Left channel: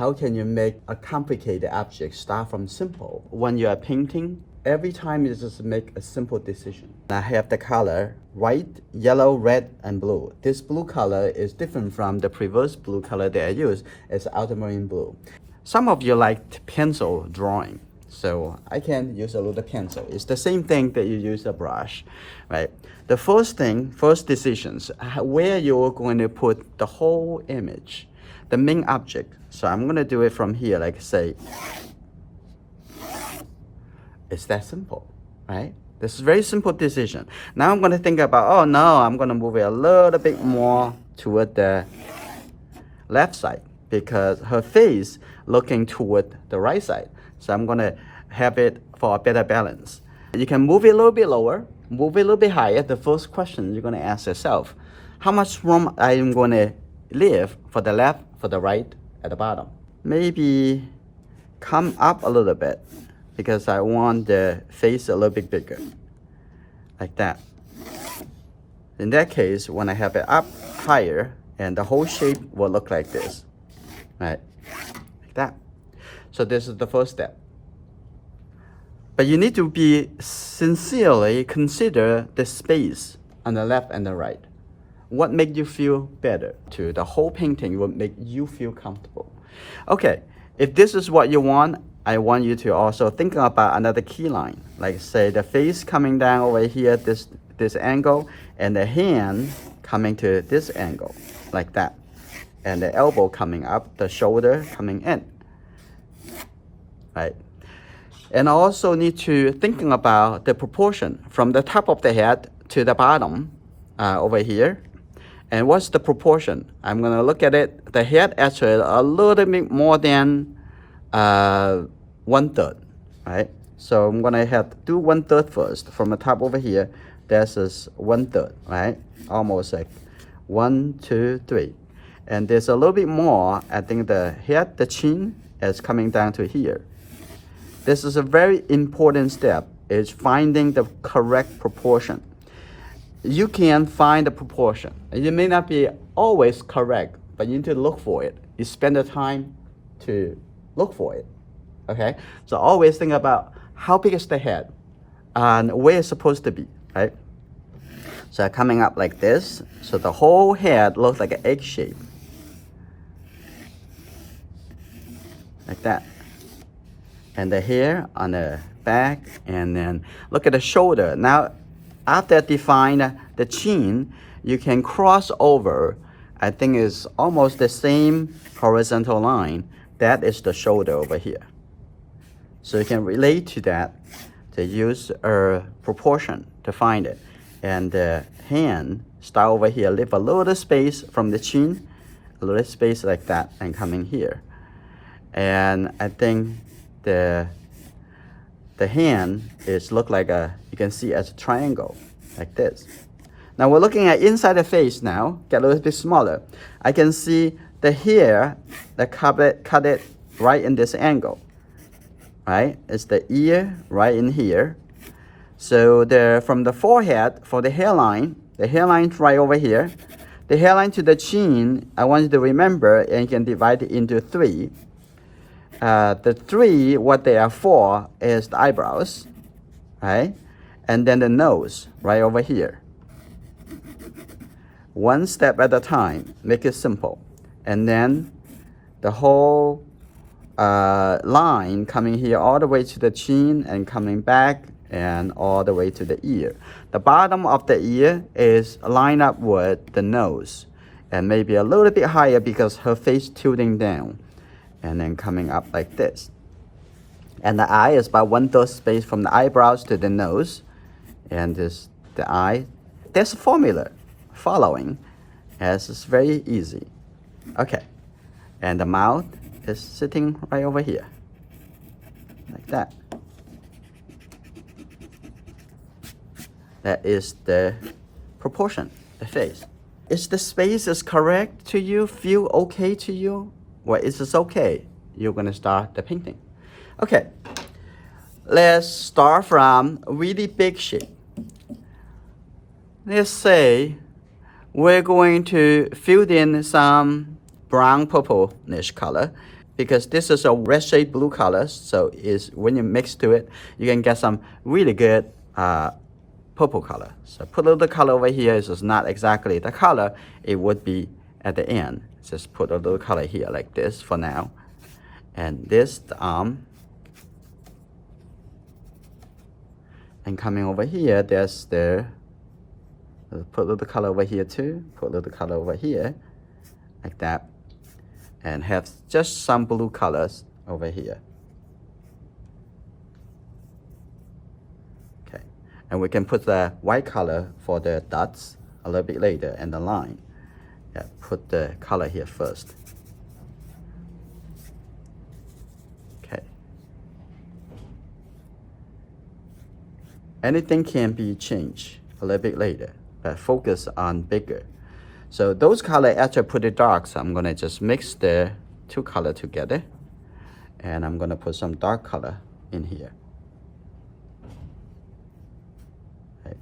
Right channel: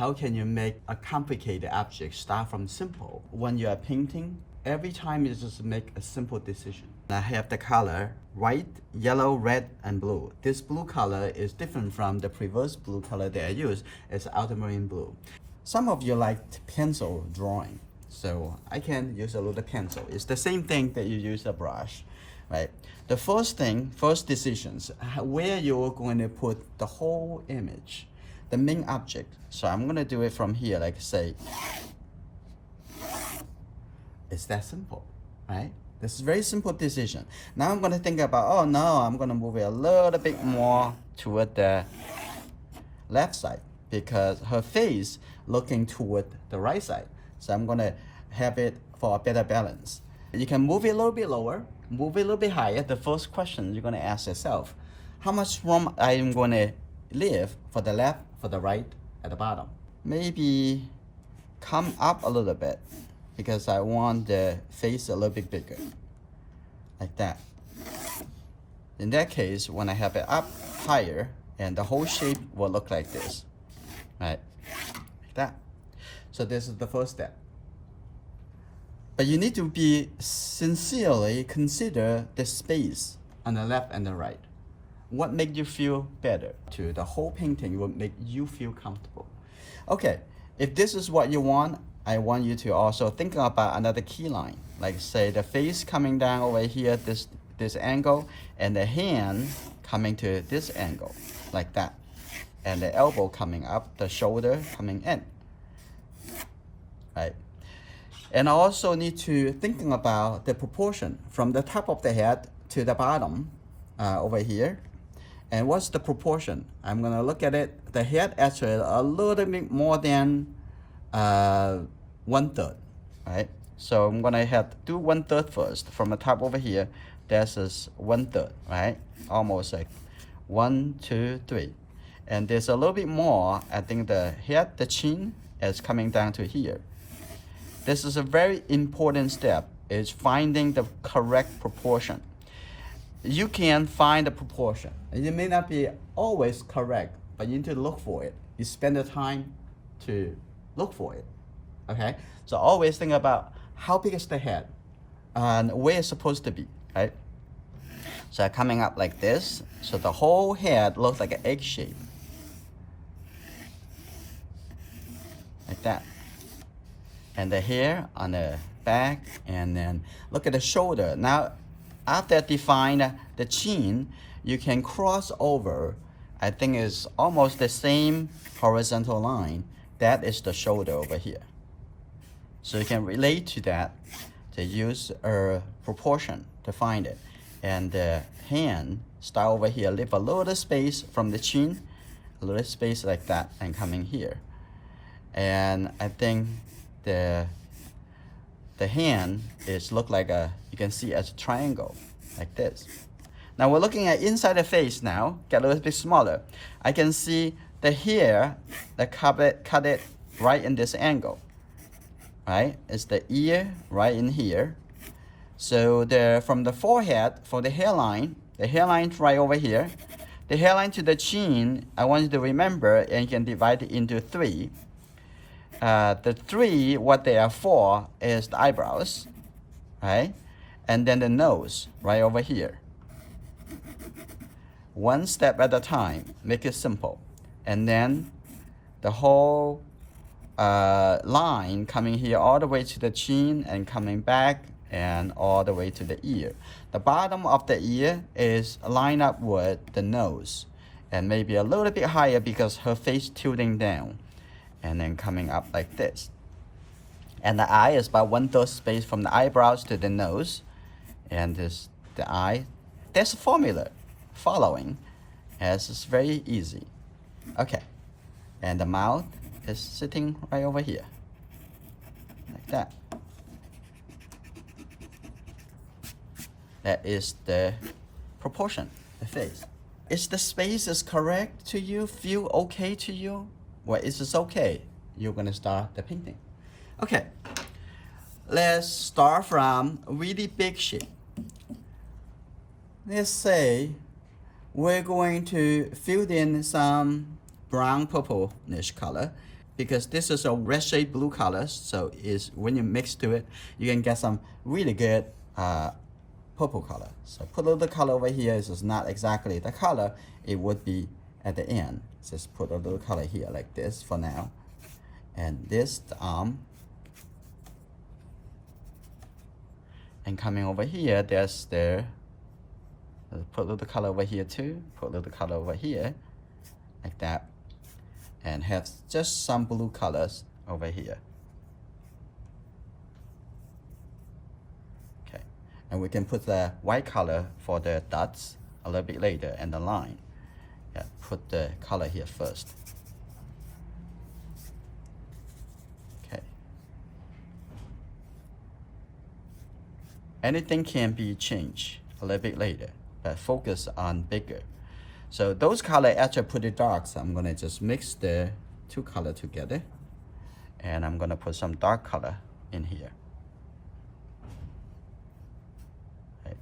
How can you make a complicated object start from simple? When you are painting, every time you just make a simple decision. I have the color white, yellow, red, and blue. This blue color is different from the previous blue color that I used. It's ultramarine blue. Some of you like pencil drawing, so I can use a little pencil. It's the same thing that you use a brush, right? The first decisions, where you're going to put the whole image, the main object. So I'm going to do it from here, like say, it's that simple, right? This is a very simple decision. Now I'm going to think about, oh no, I'm going to move it a little bit more toward the left side because her face looking toward the right side. So I'm going to have it for a better balance. You can move it a little bit lower, move it a little bit higher. The first question you're going to ask yourself, how much room I am going to leave for the left, for the right, at the bottom? Maybe come up a little bit because I want the face a little bit bigger, like that. In that case, when I have it up higher, and the whole shape will look like this, right? Like that. So this is the first step. But you need to be sincerely consider the space on the left and the right. What makes you feel better? To the whole painting will make you feel comfortable. Okay, if this is what you want, I want you to also think about another key line. Like say the face coming down over here, this angle, and the hand coming to this angle, like that. And the elbow coming up, the shoulder coming in, right? And also need to thinking about the proportion from the top of the head to the bottom over here. And what's the proportion? I'm gonna look at it. The head actually a little bit more than 1/3, right? So I'm gonna have to do 1/3 first. From the top over here, this is 1/3, right? Almost like 1, 2, 3. And there's a little bit more. I think the head, the chin is coming down to here. This is a very important step, is finding the correct proportion. You can find the proportion. It may not be always correct, but you need to look for it. You spend the time to look for it, okay? So always think about how big is the head and where it's supposed to be, right? So coming up like this, so the whole head looks like an egg shape, like that. And the hair on the back, and then look at the shoulder. Now, after define the chin, you can cross over. I think it's almost the same horizontal line. That is the shoulder over here. So you can relate to that to use a proportion to find it. And the hand start over here, leave a little space from the chin, a little space like that, and coming here. And I think the hand is look like you can see as a triangle, like this. Now we're looking at inside the face now, get a little bit smaller. I can see the hair that cut it right in this angle, right? It's the ear right in here. So from the forehead, for the hairline right over here. The hairline to the chin, I want you to remember, and you can divide it into 3. The 3, what they are for is the eyebrows, right? And then the nose right over here. One step at a time, make it simple. And then the whole line coming here all the way to the chin and coming back and all the way to the ear. The bottom of the ear is lined up with the nose and maybe a little bit higher because her face tilting down. And then coming up like this. And the eye is about 1/3 space from the eyebrows to the nose. And this the eye. There's a formula following, as it's very easy. Okay. And the mouth is sitting right over here, like that. That is the proportion, the face. Is the space is correct to you? Feel okay to you? Well, is this okay? You're gonna start the painting. Okay, let's start from a really big shape. Let's say we're going to fill in some brown purplish color because this is a red shade blue color, so is when you mix to it, you can get some really good purple color. So put a little color over here. This is not exactly the color it would be at the end. Just put a little color here like this for now. And this, the arm. And coming over here, there's the, put a little color over here too. Put a little color over here, like that. And have just some blue colors over here. Okay, and we can put the white color for the dots a little bit later and the line. Yeah, put the color here first. Okay. Anything can be changed a little bit later, but focus on bigger. So those colors actually pretty dark, so I'm gonna just mix the two colors together, and I'm gonna put some dark color in here. Okay.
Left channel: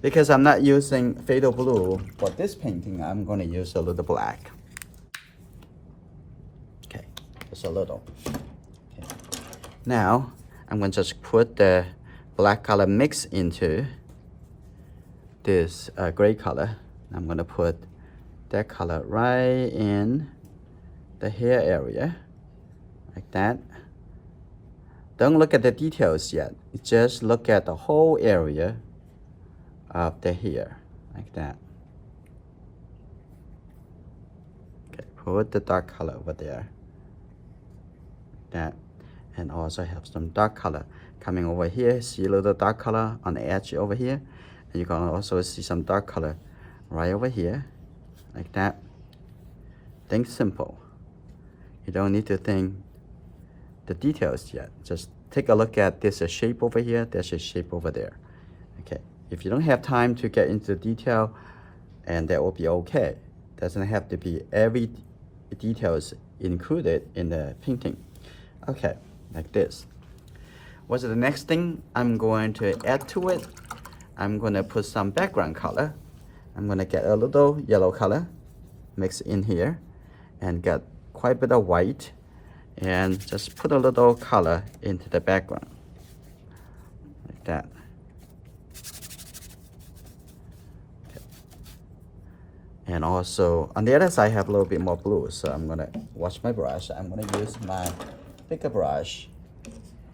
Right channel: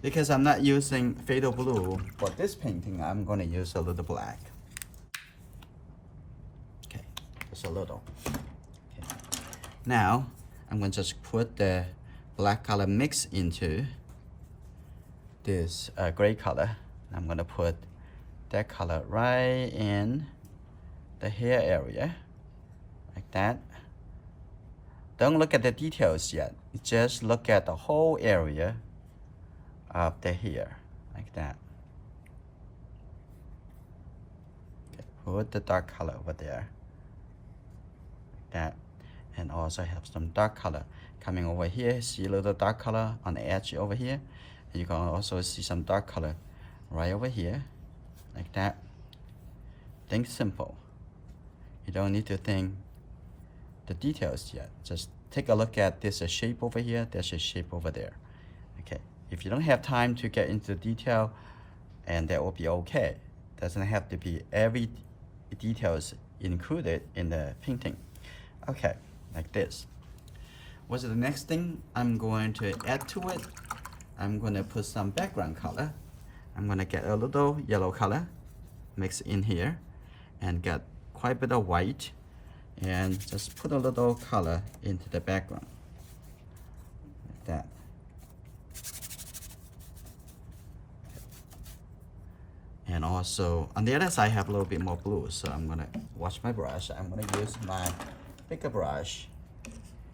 Because I'm not using phthalo blue for this painting, I'm gonna use a little black. Okay, just a little. Okay. Now I'm gonna just put the black color mix into this gray color. I'm gonna put that color right in the hair area, like that. Don't look at the details yet. Just look at the whole area of the hair, like that. Okay, put the dark color over there, like that. And also have some dark color coming over here. See a little dark color on the edge over here. And you can also see some dark color right over here, like that. Think simple. You don't need to think the details yet. Just take a look at this shape over here, there's a shape over there. Okay, if you don't have time to get into detail, and that will be okay. Doesn't have to be every details included in the painting. Okay, like this. What's the next thing I'm going to add to it? I'm gonna put some background color. I'm gonna get a little yellow color, mix in here, and get quite a bit of white, and just put a little color into the background, like that. Okay. And also on the other side I have a little bit more blue, so I'm gonna wash my brush. I'm gonna use my bigger brush.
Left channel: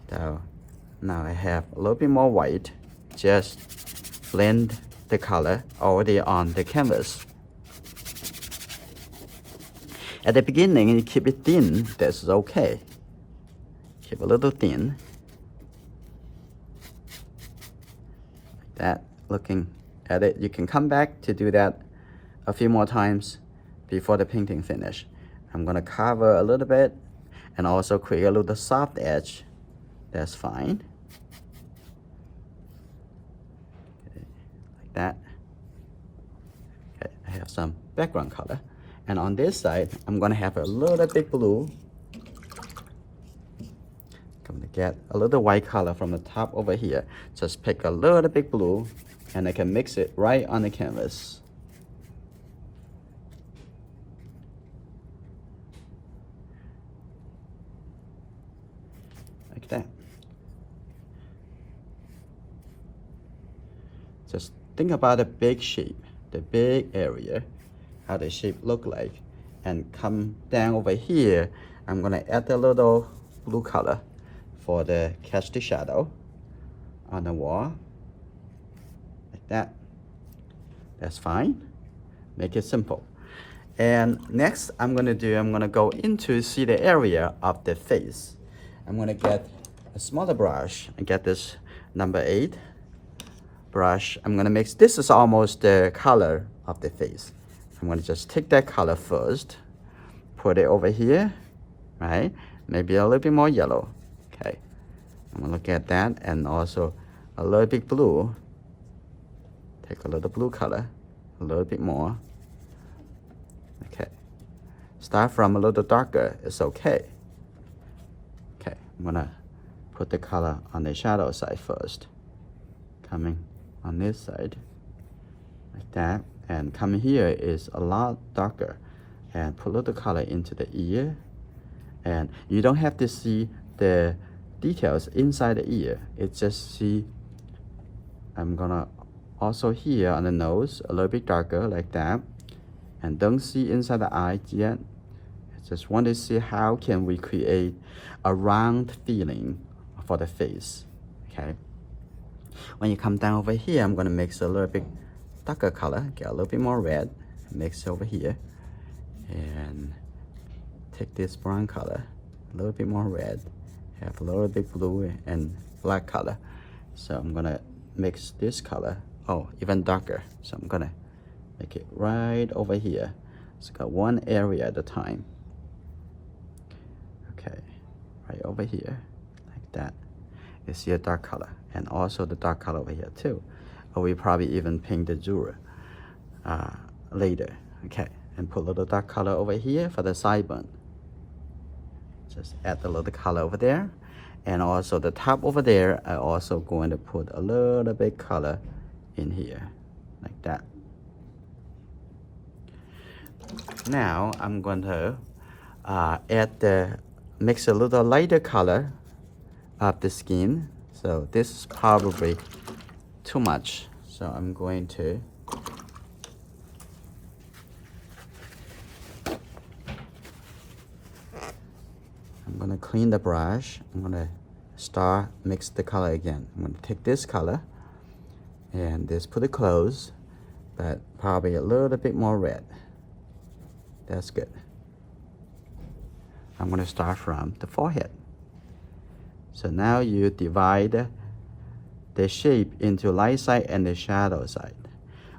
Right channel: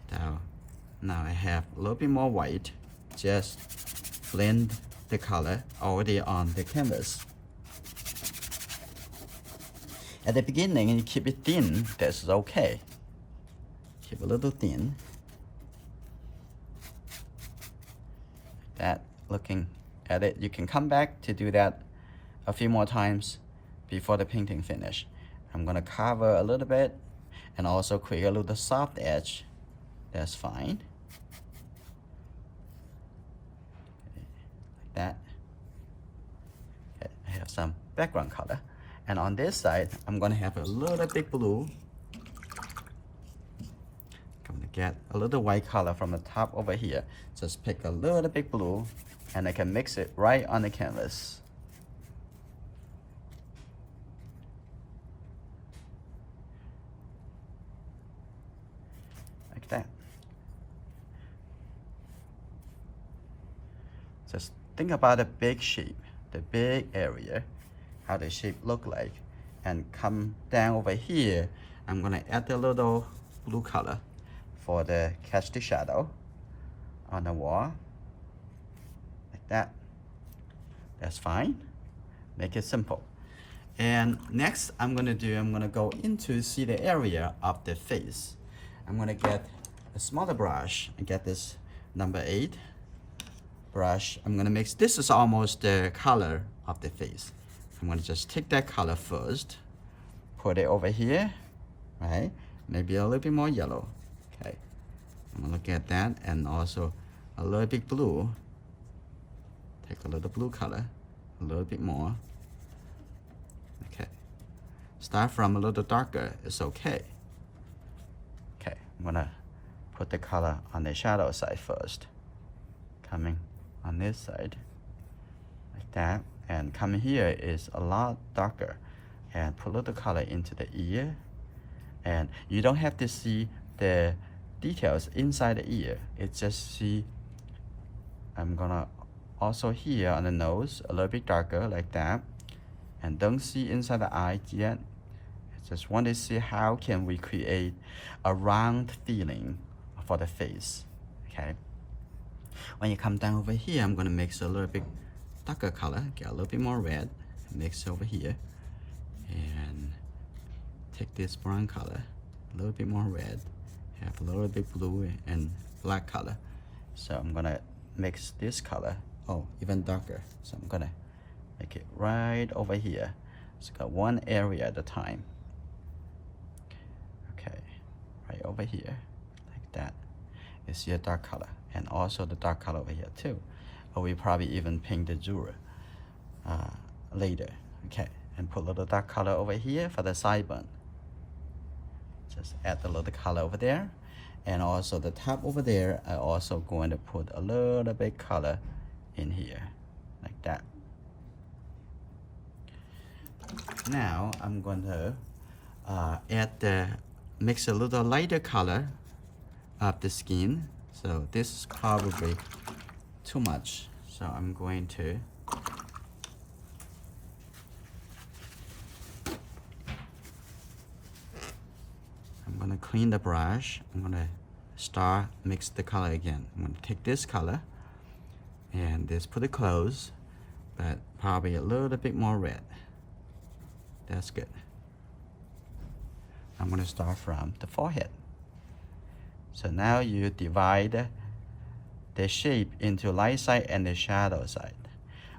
So now I have a little bit more white. Just blend the color already on the canvas. At the beginning, you keep it thin, that's okay. Keep a little thin. Like that, looking at it, you can come back to do that a few more times before the painting finish. I'm gonna cover a little bit and also create a little soft edge. That's fine. That. Okay, I have some background color, and on this side I'm gonna have a little bit blue. I'm gonna get a little white color from the top over here. Just pick a little bit blue, and I can mix it right on the canvas. Like that. Just think about the big shape, the big area, how the shape look like, and come down over here. I'm gonna add a little blue color for the catch the shadow on the wall, like that. That's fine. Make it simple. And next I'm gonna go into see the area of the face. I'm gonna get a smaller brush and get this number 8 brush. I'm gonna mix, this is almost the color of the face. I'm gonna just take that color first, put it over here, right? Maybe a little bit more yellow. Okay, I'm gonna look at that, and also a little bit blue. Take a little blue color, a little bit more. Okay, start from a little darker, it's okay. Okay, I'm gonna put the color on the shadow side first. Coming on this side, like that, and coming here is a lot darker. and put a little color into the ear. And you don't have to see the details inside the ear. It's just see, I'm gonna also here on the nose, a little bit darker like that. And don't see inside the eye yet. Just want to see how can we create a round feeling for the face, okay? When you come down over here, I'm gonna mix a little bit darker color, get a little bit more red, mix over here, and take this brown color, a little bit more red, have a little bit blue and black color. So I'm gonna mix this color, oh, even darker. So I'm gonna make it right over here. It's got one area at a time. Okay, right over here, like that. You see a dark color, and also the dark color over here too. Or we probably even paint the jewelry later, okay? And put a little dark color over here for the sideburn. Just add a little color over there. And also the top over there, I'm also going to put a little bit color in here, like that. Now I'm going to mix a little lighter color of the skin. So this is probably too much. So I'm going to clean the brush. I'm gonna start mix the color again. I'm gonna take this color and just put it close, but probably a little bit more red. That's good. I'm gonna start from the forehead. So now you divide the shape into light side and the shadow side.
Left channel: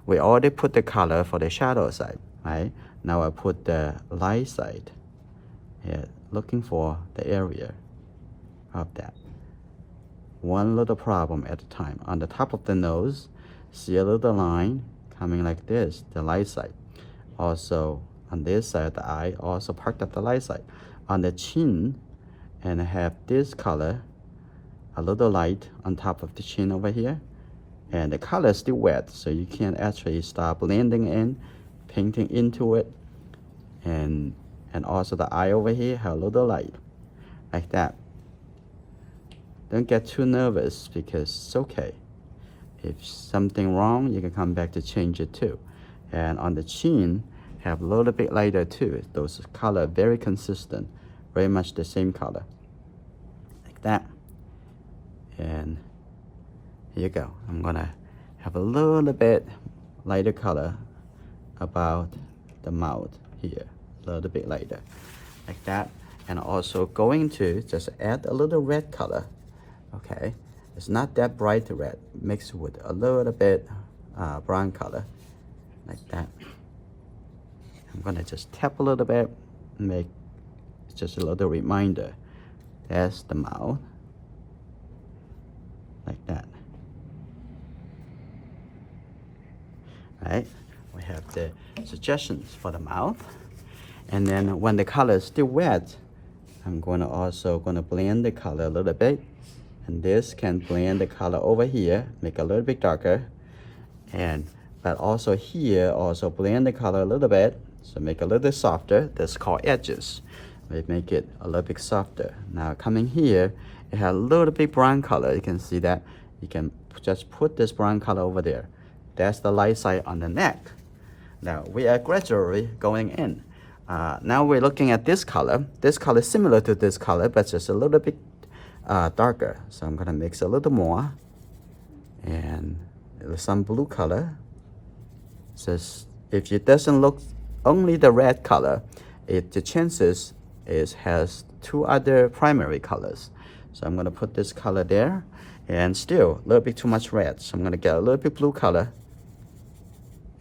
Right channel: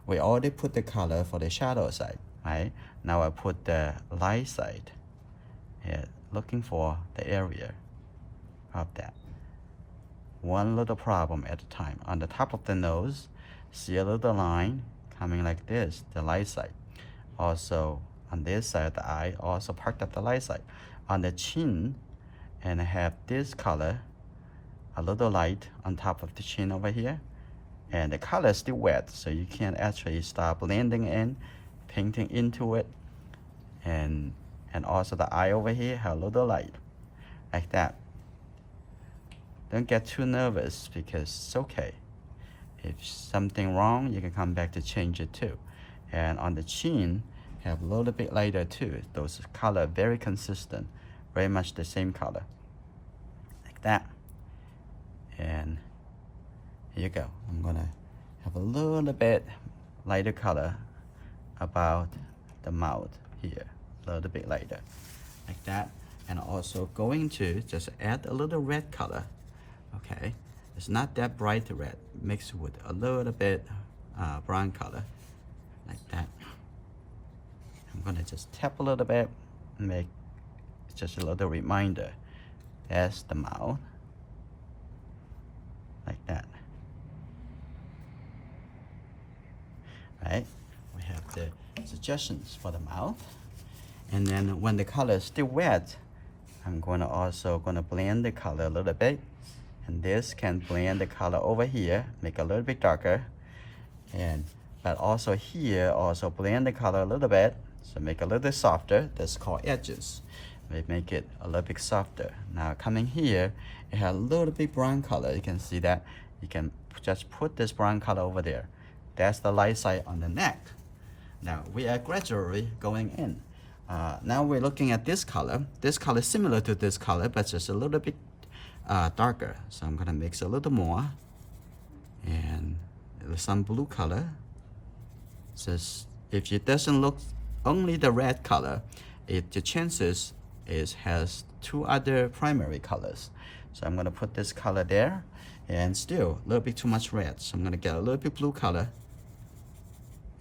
We already put the color for the shadow side, right? Now I put the light side. Yeah, looking for the area of that. One little problem at a time. On the top of the nose, see a little line coming like this, the light side. Also on this side of the eye, also part of the light side. On the chin, and have this color, a little light on top of the chin over here. And the color is still wet, so you can actually start blending in, painting into it. And also the eye over here have a little light, like that. Don't get too nervous because it's okay. If something wrong, you can come back to change it too. And on the chin, have a little bit lighter too. Those color very consistent, very much the same color, like that. And here you go. I'm gonna have a little bit lighter color about the mouth here. A little bit lighter, like that. And also going to just add a little red color, okay? It's not that bright red, mixed with a little bit brown color, like that. I'm gonna just tap a little bit, make just a little reminder. That's the mouth, like that. Right? We have the suggestions for the mouth. And then when the color is still wet, I'm also gonna blend the color a little bit. And this can blend the color over here, make a little bit darker. But also here, also blend the color a little bit, so make a little softer. That's called edges. We make it a little bit softer. Now coming here, it has a little bit brown color. You can see that. You can just put this brown color over there. That's the light side on the neck. Now we are gradually going in. Now we're looking at this color. This color is similar to this color, but just a little bit darker. So I'm gonna mix a little more. And some blue color. Says if it doesn't look only the red color, the chances has two other primary colors. So I'm gonna put this color there, and still a little bit too much red. So I'm gonna get a little bit blue color,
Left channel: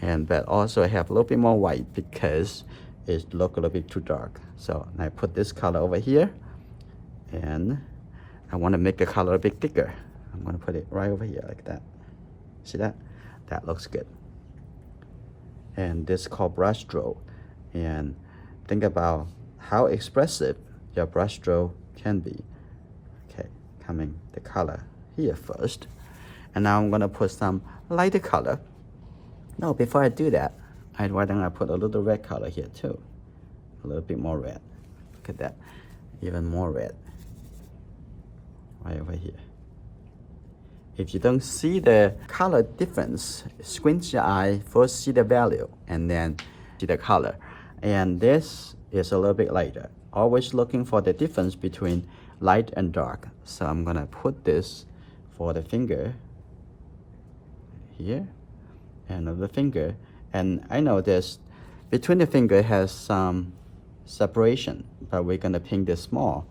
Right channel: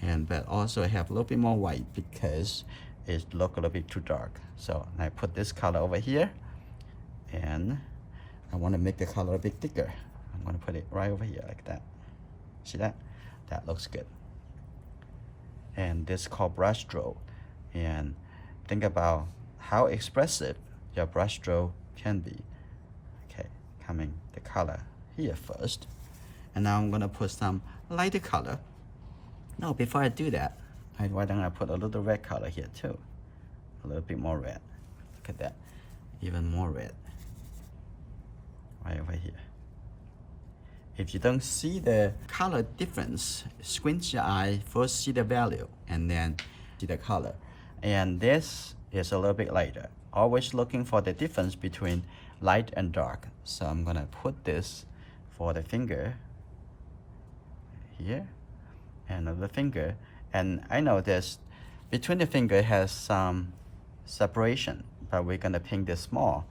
but also I have a little bit more white because it look a little bit too dark. So I put this color over here, and I want to make the color a bit thicker. I'm gonna put it right over here like that. See that? That looks good. And this is called brush stroke. And think about how expressive your brush stroke can be. Okay, coming the color here first. And now I'm gonna put some lighter color. No, before I do that, why don't I put a little red color here too? a little bit more red. Look at that, even more red right over here. If you don't see the color difference, squint your eye, first see the value and then see the color. And this is a little bit lighter. Always looking for the difference between light and dark. So I'm gonna put this for the finger here and the finger. And I know this between the finger has some separation, but we're gonna paint this small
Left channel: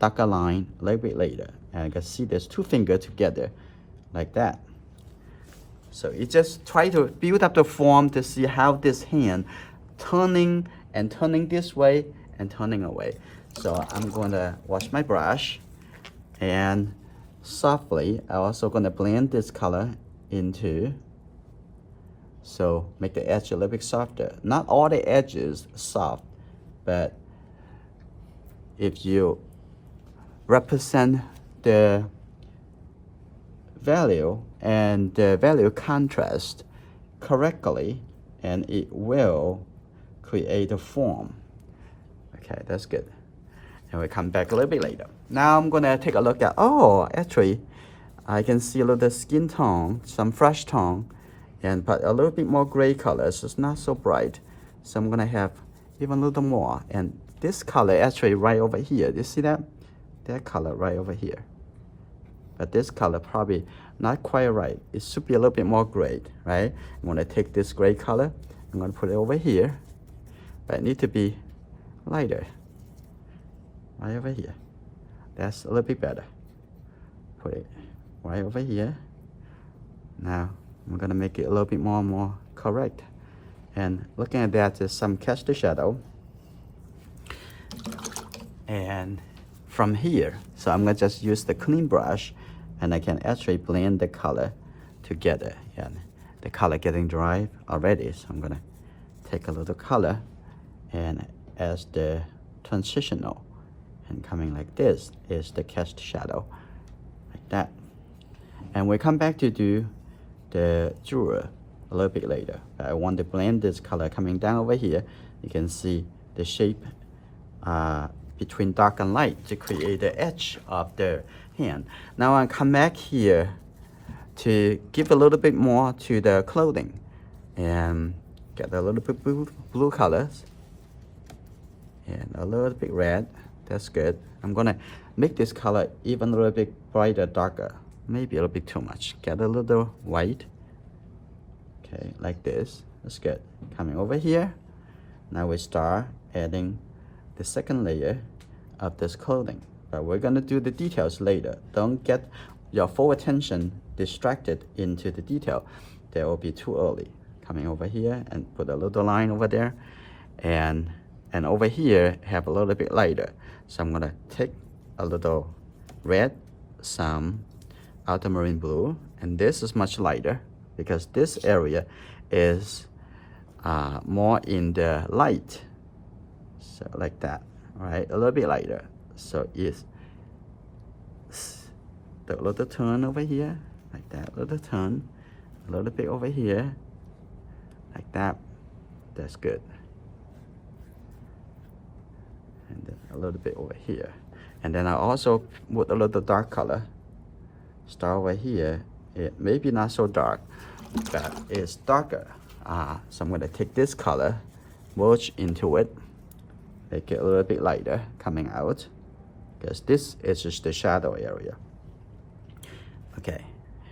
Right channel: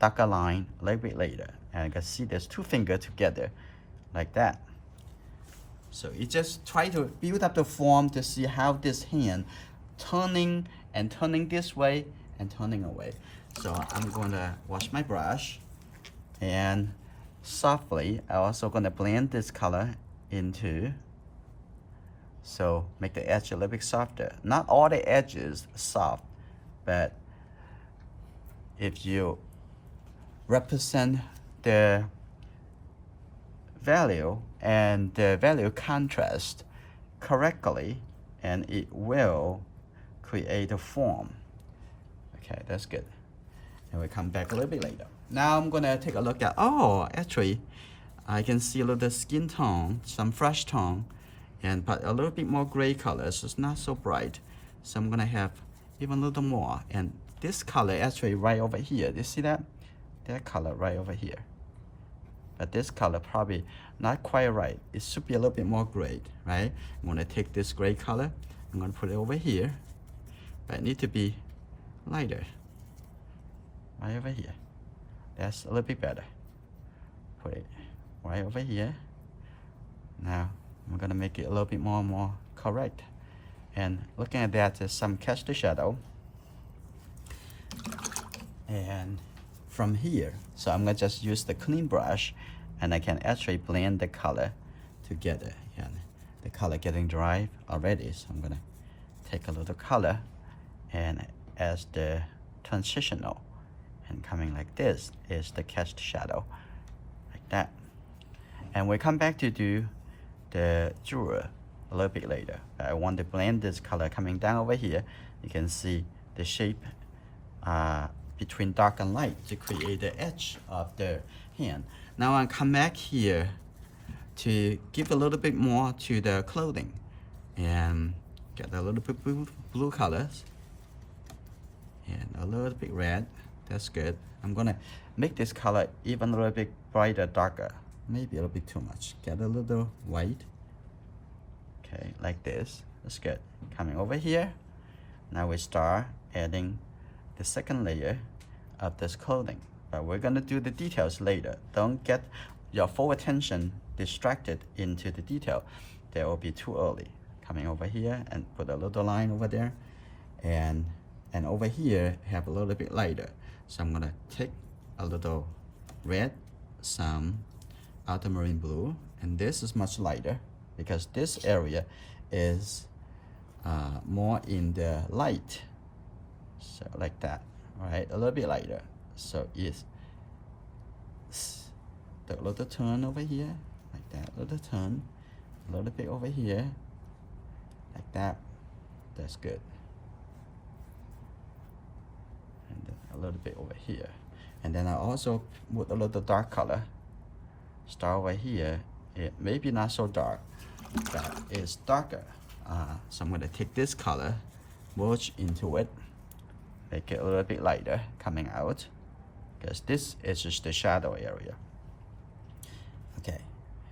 darker line a little bit later. And you can see there's two fingers together like that. So you just try to build up the form to see how this hand turning and turning this way and turning away. So I'm going to wash my brush and softly I'm also going to blend this color into, so make the edge a little bit softer. Not all the edges soft, but if you represent the value and the value contrast correctly, and it will create a form. Okay, that's good. And we come back a little bit later. Now I'm gonna take a look at, oh, actually, I can see a little skin tone, some fresh tone, but a little bit more gray color, so it's not so bright. So I'm gonna have even a little more. And this color actually right over here, you see that? That color right over here. But this color probably not quite right. It should be a little bit more gray, right? I'm gonna take this gray color, I'm gonna put it over here, but it needs to be lighter, right over here. That's a little bit better. Put it right over here. Now I'm gonna make it a little bit more and more correct. And looking at that, there's some cast shadow. And from here, so I'm gonna just use the clean brush and I can actually blend the color together. And the color getting dry already, so I'm gonna take a little color and as the transitional, and coming like this is the cast shadow, like that. And we come back to do the jewel a little bit later. I want to blend this color coming down over here. You can see the shape between dark and light to create the edge of the hand. Now I come back here to give a little bit more to the clothing and get a little bit blue colors and a little bit red. That's good. I'm gonna make this color even a little bit brighter, darker, maybe a little bit too much. Get a little white, okay, like this. That's good. Coming over here, now we start adding the second layer of this clothing, but we're gonna do the details later. Don't get your full attention distracted into the detail. That will be too early. Coming over here and put a little line over there, and over here have a little bit lighter. So I'm gonna take a little red, some ultramarine blue, and this is much lighter because this area is more in the light. So like that, right? A little bit lighter. So it's the little turn over here, like that, little turn, a little bit over here, like that. That's good. And then a little bit over here. And then I also put a little dark color. Start over here. It maybe not so dark, but it's darker. So I'm gonna take this color, merge into it, make it a little bit lighter coming out, because this is just the shadow area. Okay,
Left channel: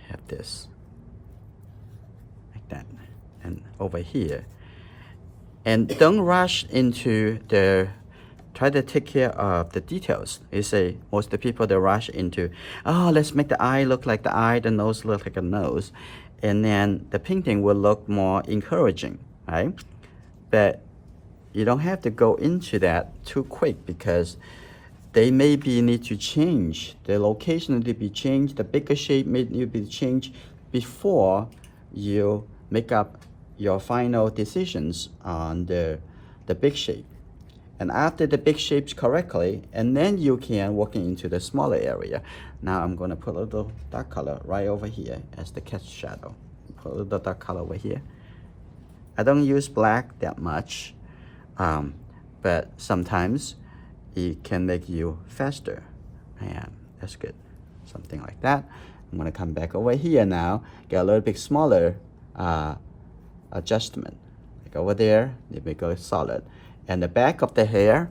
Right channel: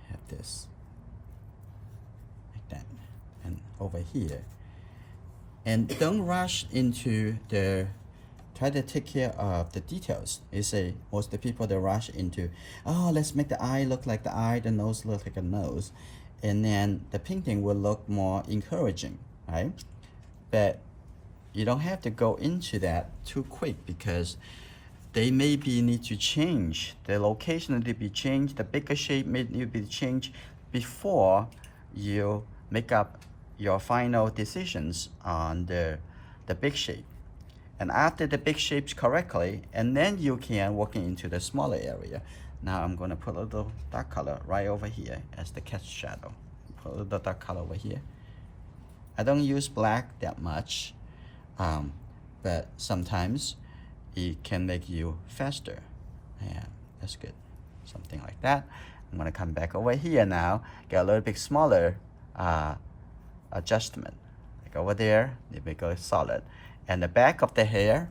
have this like that, and over here. And don't rush into the, try to take care of the details. You say most of the people, they rush into, oh, let's make the eye look like the eye, the nose look like a nose, and then the painting will look more encouraging, right? But you don't have to go into that too quick, because they maybe need to change, the location need to be changed, the bigger shape may need to be changed before you make up your final decisions on the big shape. And after the big shapes correctly, and then you can walk into the smaller area. Now I'm gonna put a little dark color right over here as the cast shadow. Put a little dark color over here. I don't use black that much. but sometimes it can make you faster. Yeah, that's good. Something like that. I'm gonna come back over here now, get a little bit smaller adjustment. Like over there, it may go solid. And the back of the hair,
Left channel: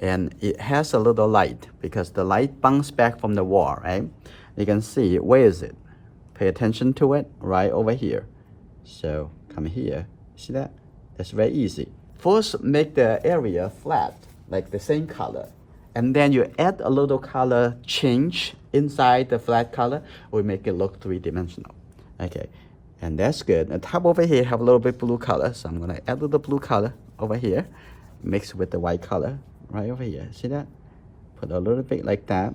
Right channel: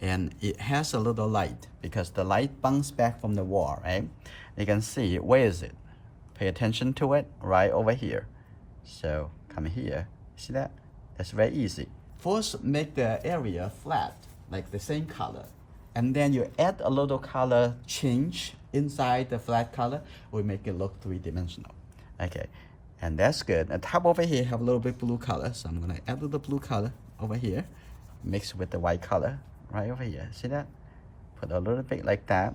and it has a little light because the light bounced back from the wall, right? You can see, where is it? Pay attention to it, right over here. So come here, see that? That's very easy. First, make the area flat, like the same color. And then you add a little color change inside the flat color, will make it look three-dimensional. Okay, and that's good. And top over here have a little bit blue color, so I'm gonna add a little blue color over here, mix with the white color right over here. See that? Put a little bit like that,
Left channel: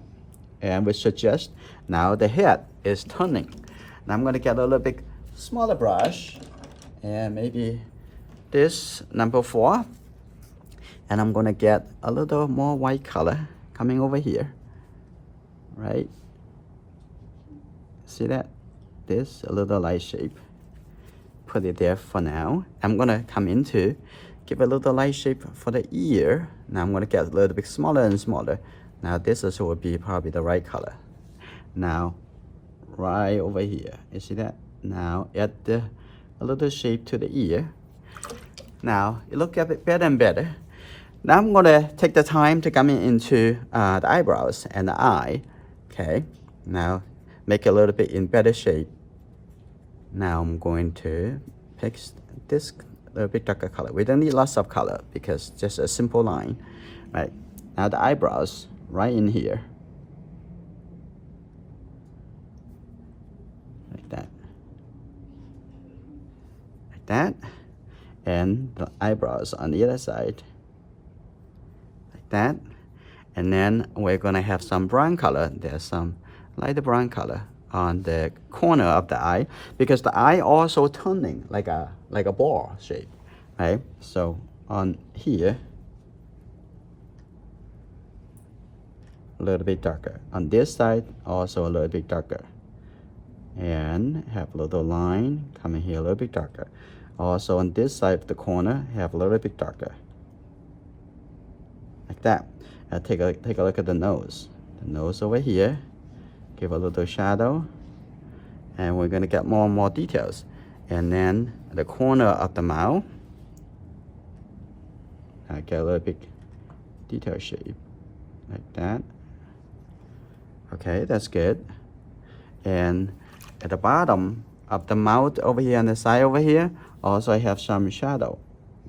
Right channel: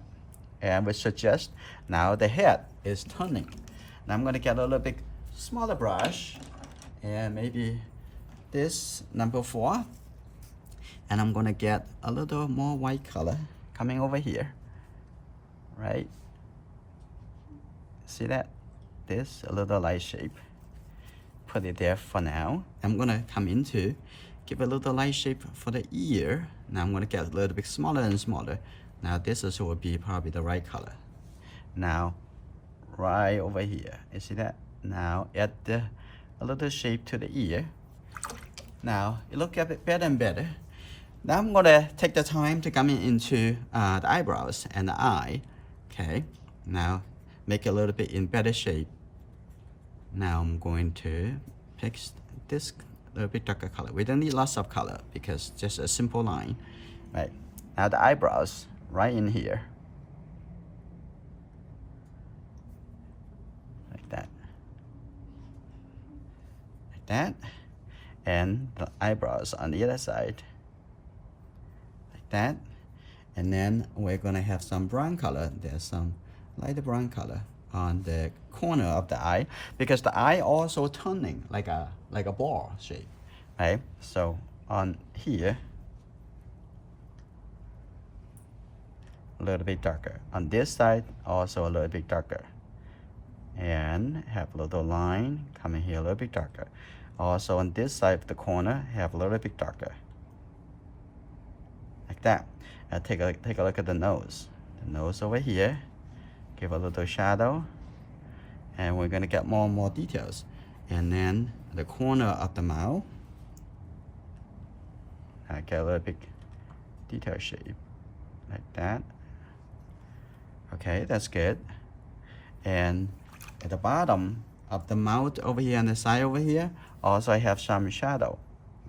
and we suggest now the head is turning. Now I'm gonna get a little bit smaller brush, and maybe this number 4, and I'm gonna get a little more white color coming over here, right? See that? This a little light shape. Put it there for now. I'm gonna come into give a little light shape for the ear. Now I'm gonna get a little bit smaller and smaller. Now this is will be probably the right color. Now right over here, you see that? Now add a little shape to the ear. Now it looks a bit better and better. Now I'm gonna take the time to come into the eyebrows and the eye. Okay, now make it a little bit in better shape. Now I'm going to pick this little bit darker color. We don't need lots of color because just a simple line, right? Now the eyebrows right in here, like that, like that, and the eyebrows on the other side, like that, and then we're gonna have some brown color. There's some lighter brown color on the corner of the eye because the eye also turning like a ball shape, right? So on here a little bit darker, on this side also a little bit darker, and have a little line coming here a little bit darker. Also on this side of the corner have a little bit darker, like that. Take a look at the nose. The nose over here, give a little shadow, and we're going to get more and more details. And then the corner of the mouth, I get a little bit detail shape like that. Okay, that's good. And at the bottom of the mouth over here on the side over here, also I have some shadow.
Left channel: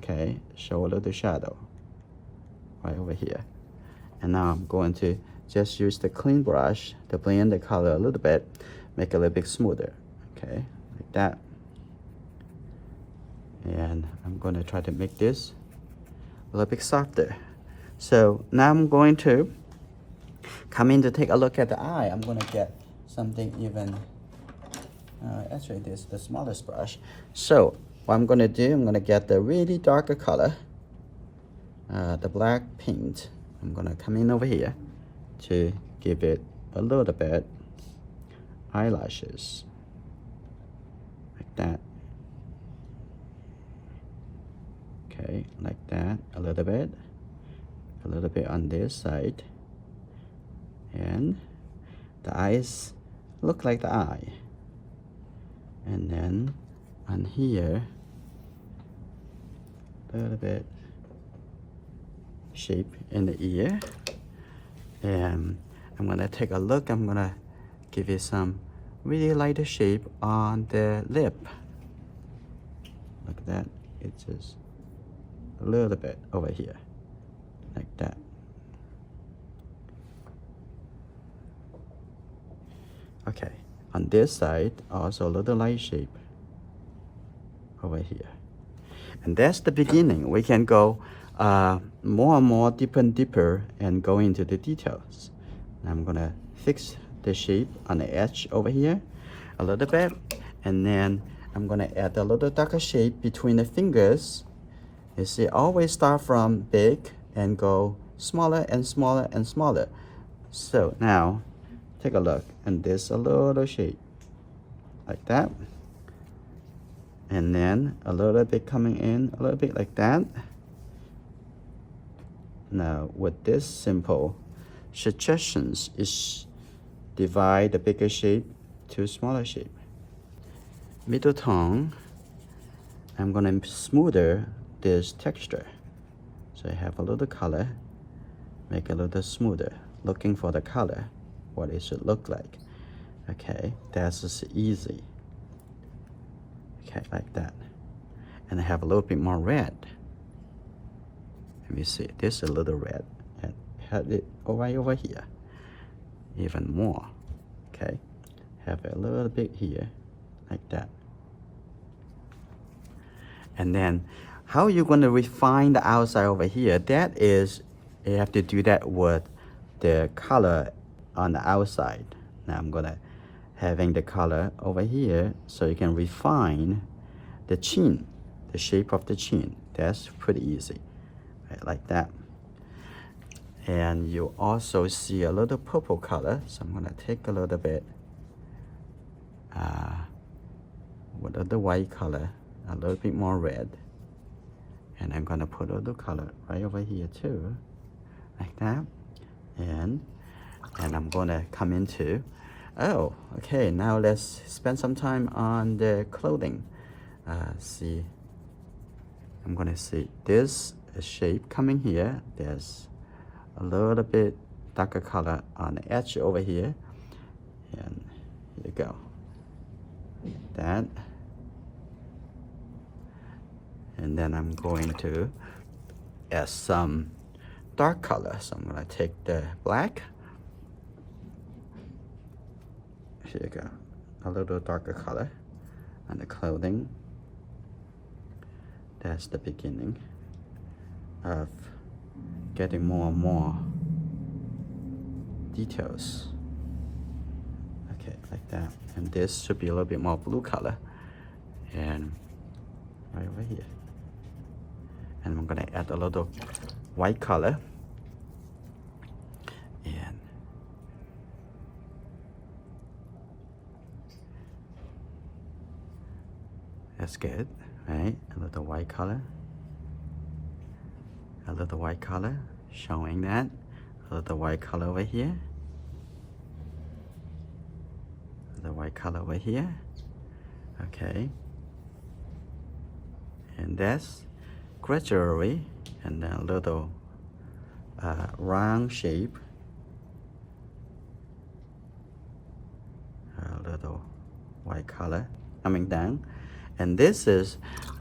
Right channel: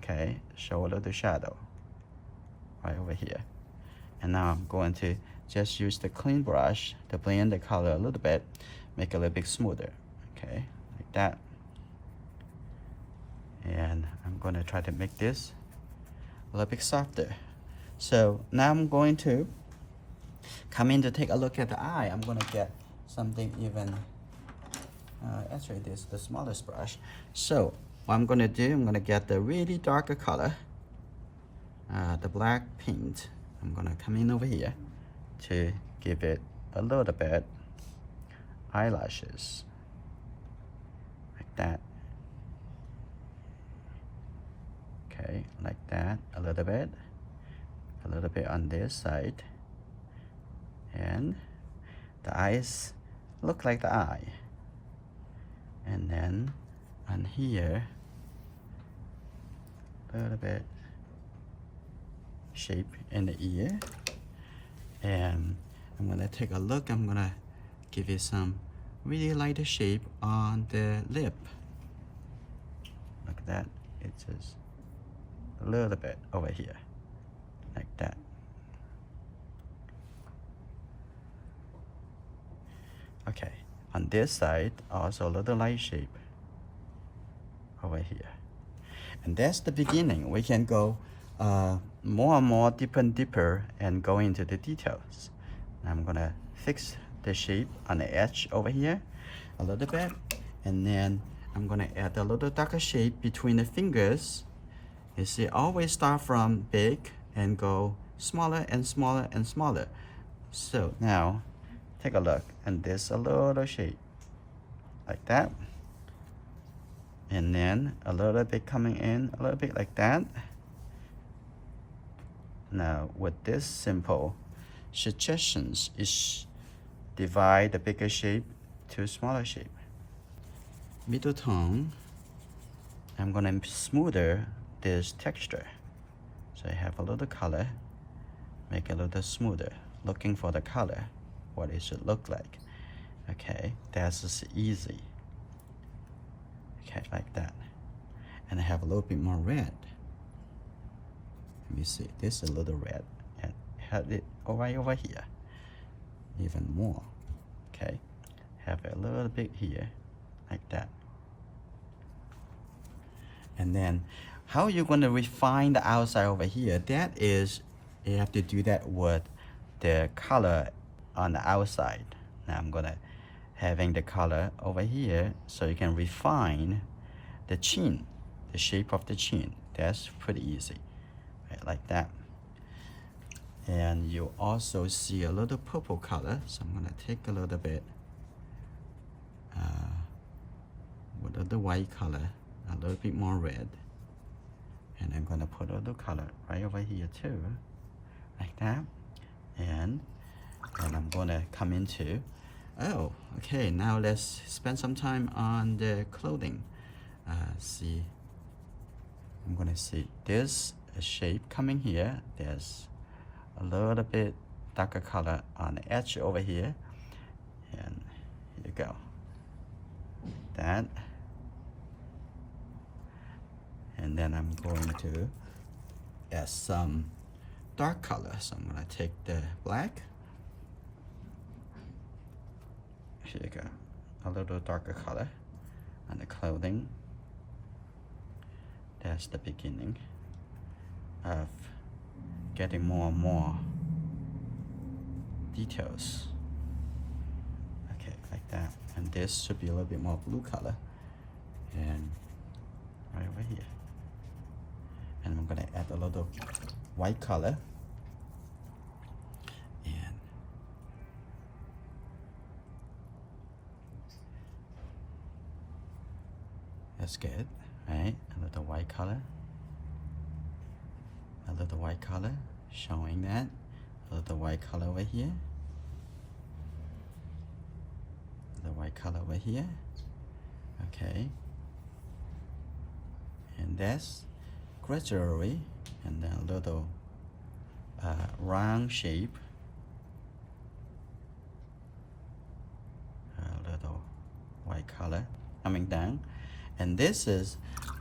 Okay, show a little shadow right over here. And now I'm going to just use the clean brush to blend the color a little bit, make it a little bit smoother. Okay, like that. And I'm going to try to make this a little bit softer. So now I'm going to come in to take a look at the eye. I'm going to get something even, actually this is the smallest brush. So what I'm going to do, I'm going to get the really darker color, the black paint. I'm going to come in over here to give it a little bit eyelashes, like that. Okay, like that, a little bit on this side, and the eyes look like the eye, and then on here a little bit shape in the ear. And I'm gonna take a look. I'm gonna give it some really lighter shape on the lip, like that. It's just a little bit over here, like that. Okay, on this side also a little light shape over here, and that's the beginning. We can go more and more deeper and go into the details. I'm gonna fix the shape on the edge over here a little bit, and then I'm gonna add a little darker shape between the fingers. You see, always start from big and go smaller and smaller and smaller. So now take a look, and this a little shape like that, and then a little bit coming in a little bit like that, Now with this simple suggestions is divide the bigger shape to smaller shape. Middle tone, I'm gonna smoother this texture. So I have a little color, make it a little smoother, looking for the color, what it should look like. Okay, that's just easy. Okay, like that. And I have a little bit more red. Let me see, this is a little red, and have it right over here. Even more. Okay, have a little bit here, like that. And then how you're going to refine the outside over here, that is, you have to do that with the color on the outside. Now I'm gonna having the color over here so you can refine the chin, the shape of the chin. That's pretty easy, right, like that. And you also see a little purple color, so I'm gonna take a little bit with the white color, a little bit more red, and I'm gonna put a little color right over here too, like that. And I'm gonna come into, oh, okay, now let's spend some time on the clothing. See, I'm gonna see this shape coming here. There's a little bit darker color on the edge over here, and here you go. That, and then I'm going to add some dark color. So I'm gonna take the black. Here you go, a little darker color on the clothing. That's the beginning of getting more and more details. Okay, like that. And this should be a little bit more blue color, and right over here. And I'm gonna add a little white color, and that's good, right? A little white color, a little white color, showing that, a little white color over here, the white color over here. Okay, and that's gradually, and then a little round shape, a little white color coming down, and this is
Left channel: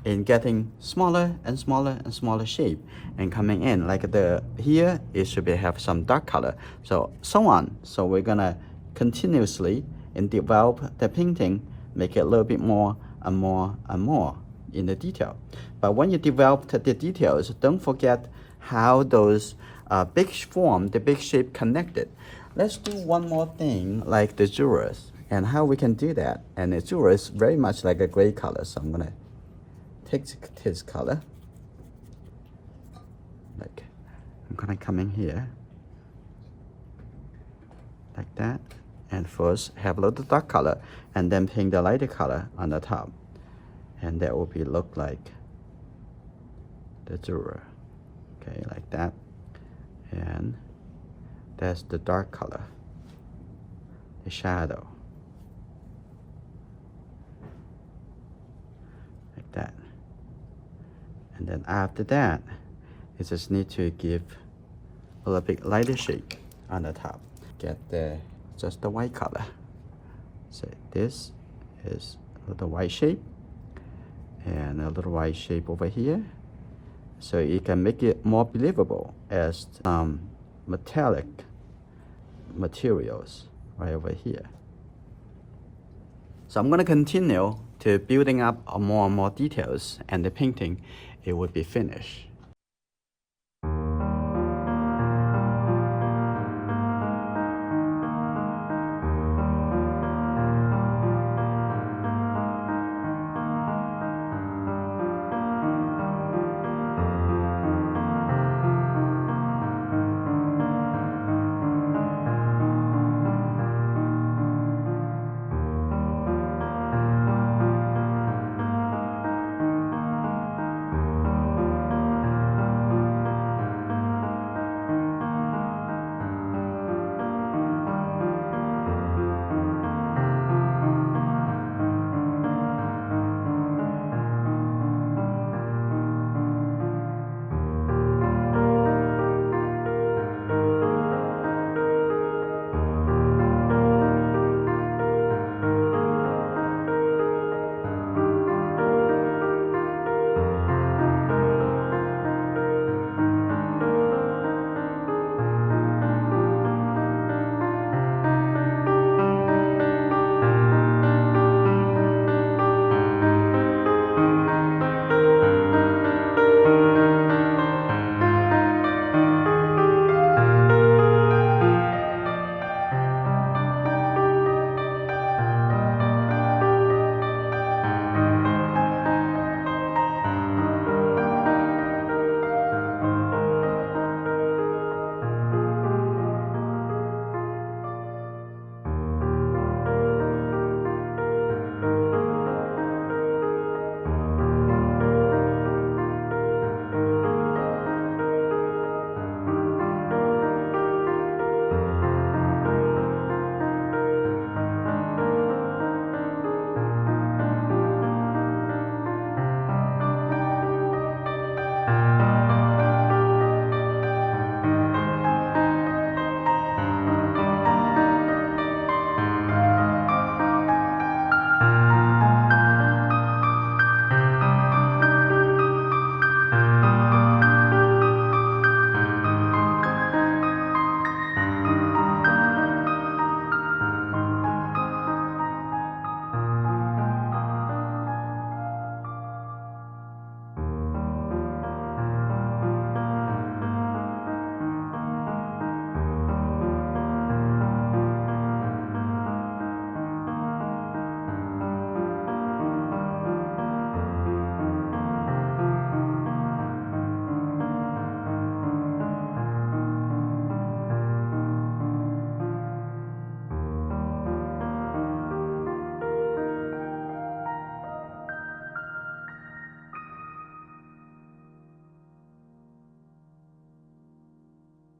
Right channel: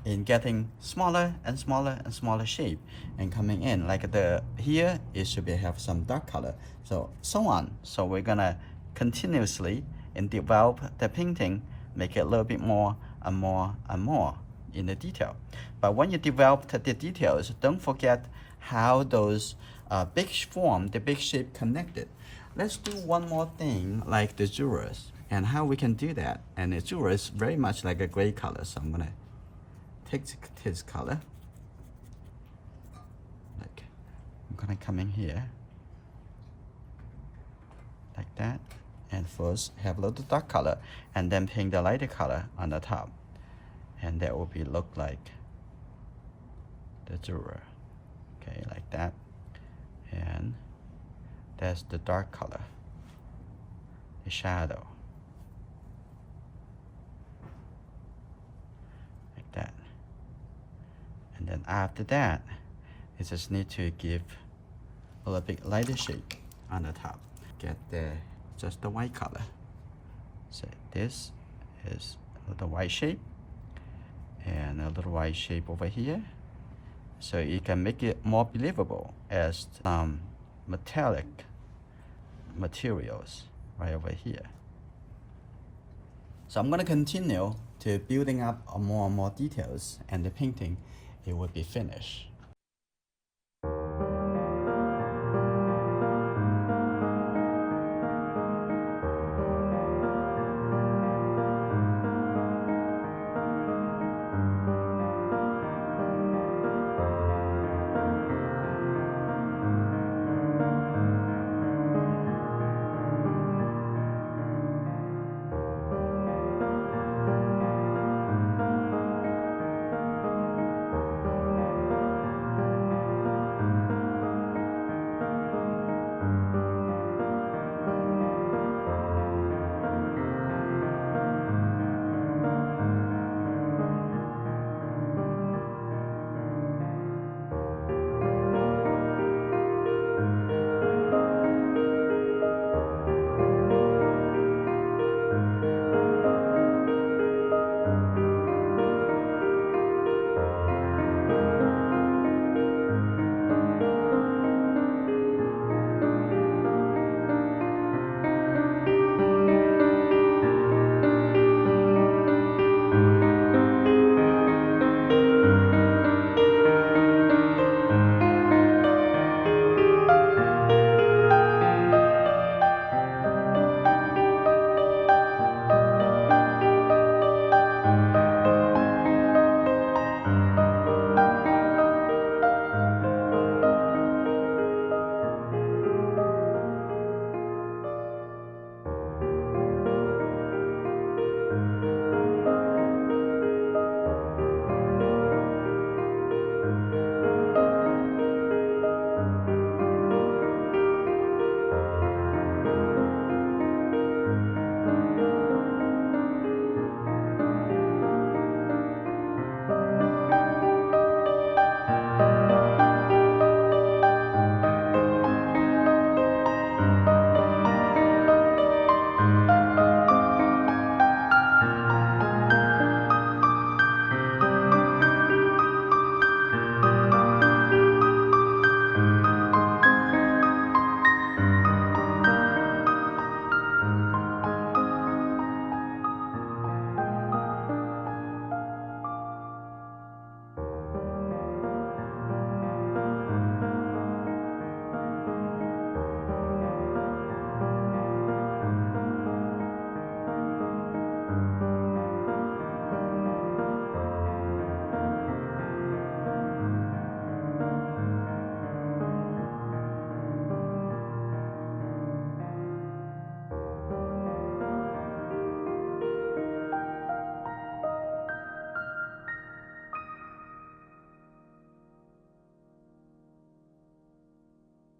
in getting smaller and smaller and smaller shape and coming in like the here it should be have some dark color, so on. So we're gonna continuously and develop the painting, make it a little bit more and more and more in the detail. But when you develop the details, don't forget how those big form, the big shape connected. Let's do one more thing, like the jewels, and how we can do that. And the jewel is very much like a gray color, so I'm gonna take this color, like I'm gonna come in here like that, and first have a little dark color, and then paint the lighter color on the top, and that will be look like the jewel. Okay, like that. And that's the dark color, the shadow, like that. And then after that, you just need to give a little bit lighter shade on the top. Get just the white color. So this is a little white shape, and a little white shape over here, so you can make it more believable as metallic materials right over here. So I'm going to continue to building up more and more details, and the painting, it would be finished.